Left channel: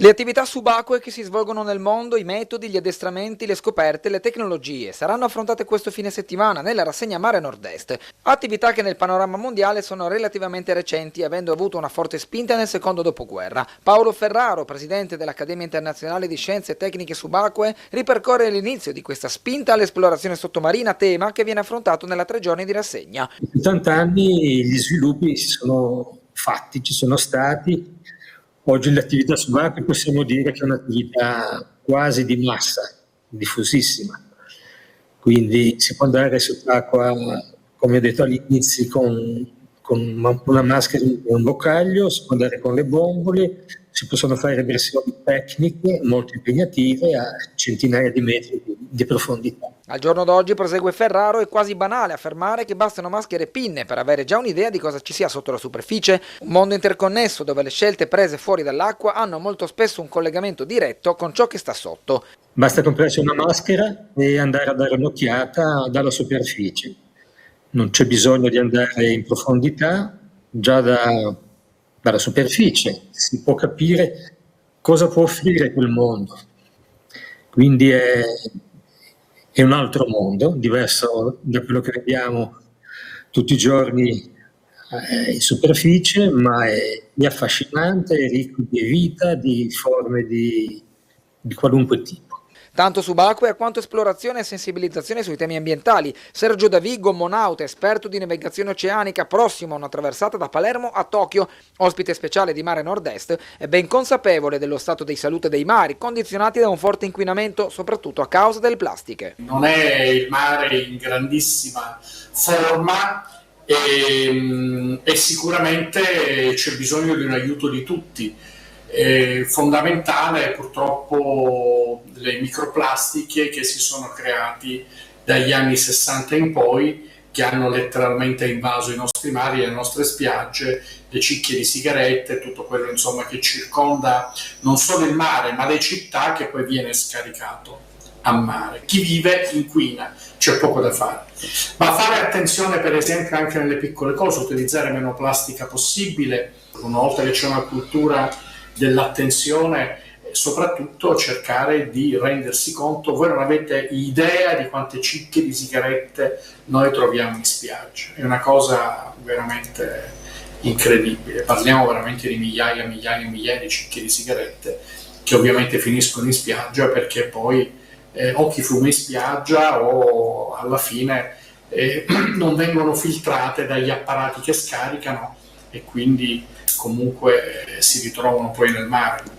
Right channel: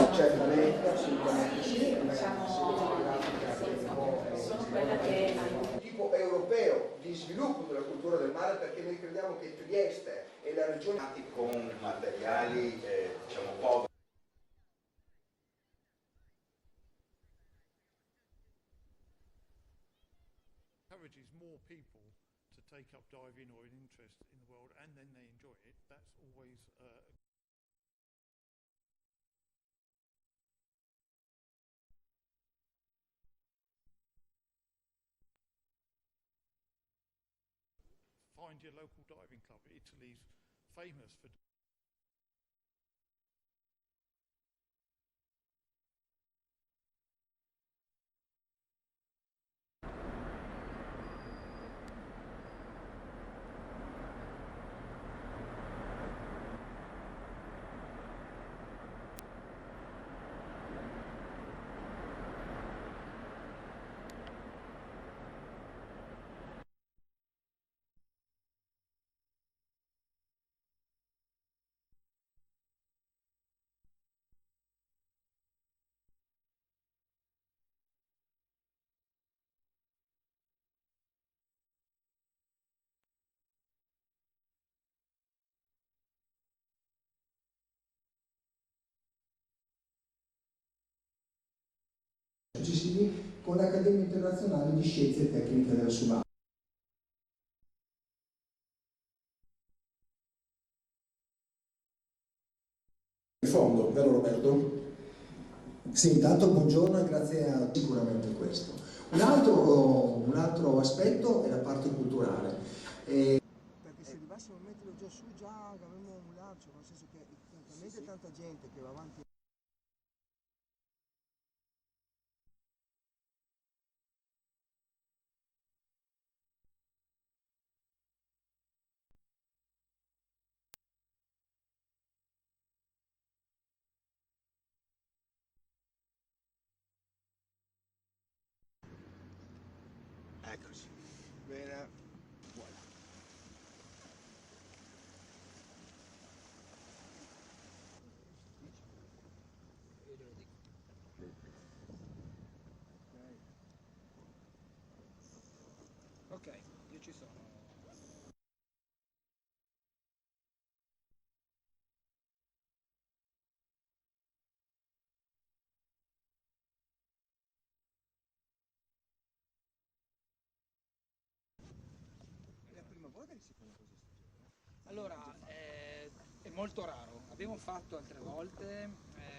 Le attività subacquee che si svolgono nel mondo, i metodi, gli addestramenti, le scoperte, le tecnologie saranno affrontate questo fine settimana nella rassegna Mare Nord-Est. Attività che nel panorama mondiale sono relativamente recenti, avendo avuto una forte spinta nel secondo dopoguerra. Paolo Ferraro, presidente dell'Accademia Internazionale di Scienze e Tecniche Subacquee, ripercorre l'inizio di questa spinta all'esplorazione sottomarina, tema che viene affrontato nella 3 giorni di rassegna. In 70 anni gli sviluppi si sono fatti, ci sono stati. Oggi l'attività subacquea possiamo dire che è un'attività quasi di massa, diffusissima. Quindi si può andare sott'acqua, come ho detto all'inizio, con una maschera e un boccaglio, si può andare con le bombole, si possono fare versioni tecniche molto impegnative a centinaia di metri di profondità. Al giorno d'oggi, prosegue Ferraro, è quasi banale affermare che bastano maschere e pinne per avere già un'idea di cosa ci sia sotto la superficie, un mondo interconnesso dove le scelte prese fuori dall'acqua hanno molto spesso un collegamento diretto con ciò che sta sotto. Basta comprarsi una maschera e andare a dare un'occhiata dalla superficie. Non c'è bisogno di andare in profondità, già dalla superficie si può capire cosa può offrire quel mondo. Quindi è un altro mondo, diverso da quello che vediamo tutti i giorni in superficie, ma è affascinante, è ricco di vita, di forme di qualunque tipo. Tanto subacquea quanto esplorazione e sensibilizzazione sui temi ambientali. Sergio Davigo, monauta, esperto di navigazione oceanica, prossimo a una traversata da Palermo a Tokyo, ospite speciale di Mare Nord-Est, è ben consapevole dello stato di salute dei mari, condizionati da un forte inquinamento, soprattutto a causa del plastica. Non è il mare in grandissima forma e sicuramente c'è bisogno di un aiuto di tutti. È fondamentale purtroppo le microplastiche che si sono creati dagli anni 60 in poi, che hanno letteralmente invaso i nostri mari, le nostre spiagge, le cicche di sigarette, tutto quello insomma che circonda non solo il mare ma le città, che poi viene scaricato a mare. Chi vive inquina, c'è poco da fare. Ma fare attenzione per esempio anche nelle piccole cose, utilizzare meno plastica possibile, una volta che c'è una cultura dell'attenzione, soprattutto cercare di rendersi conto. Voi non avete idea di quante cicche di sigarette noi troviamo in spiaggia, è una cosa veramente incredibile, parliamo veramente di migliaia e migliaia di cicche di sigarette che ovviamente finiscono in spiaggia perché poi o chi fuma in spiaggia o alla fine non vengono filtrate dagli apparati che scaricano e quindi comunque si ritrovano poi nel mare.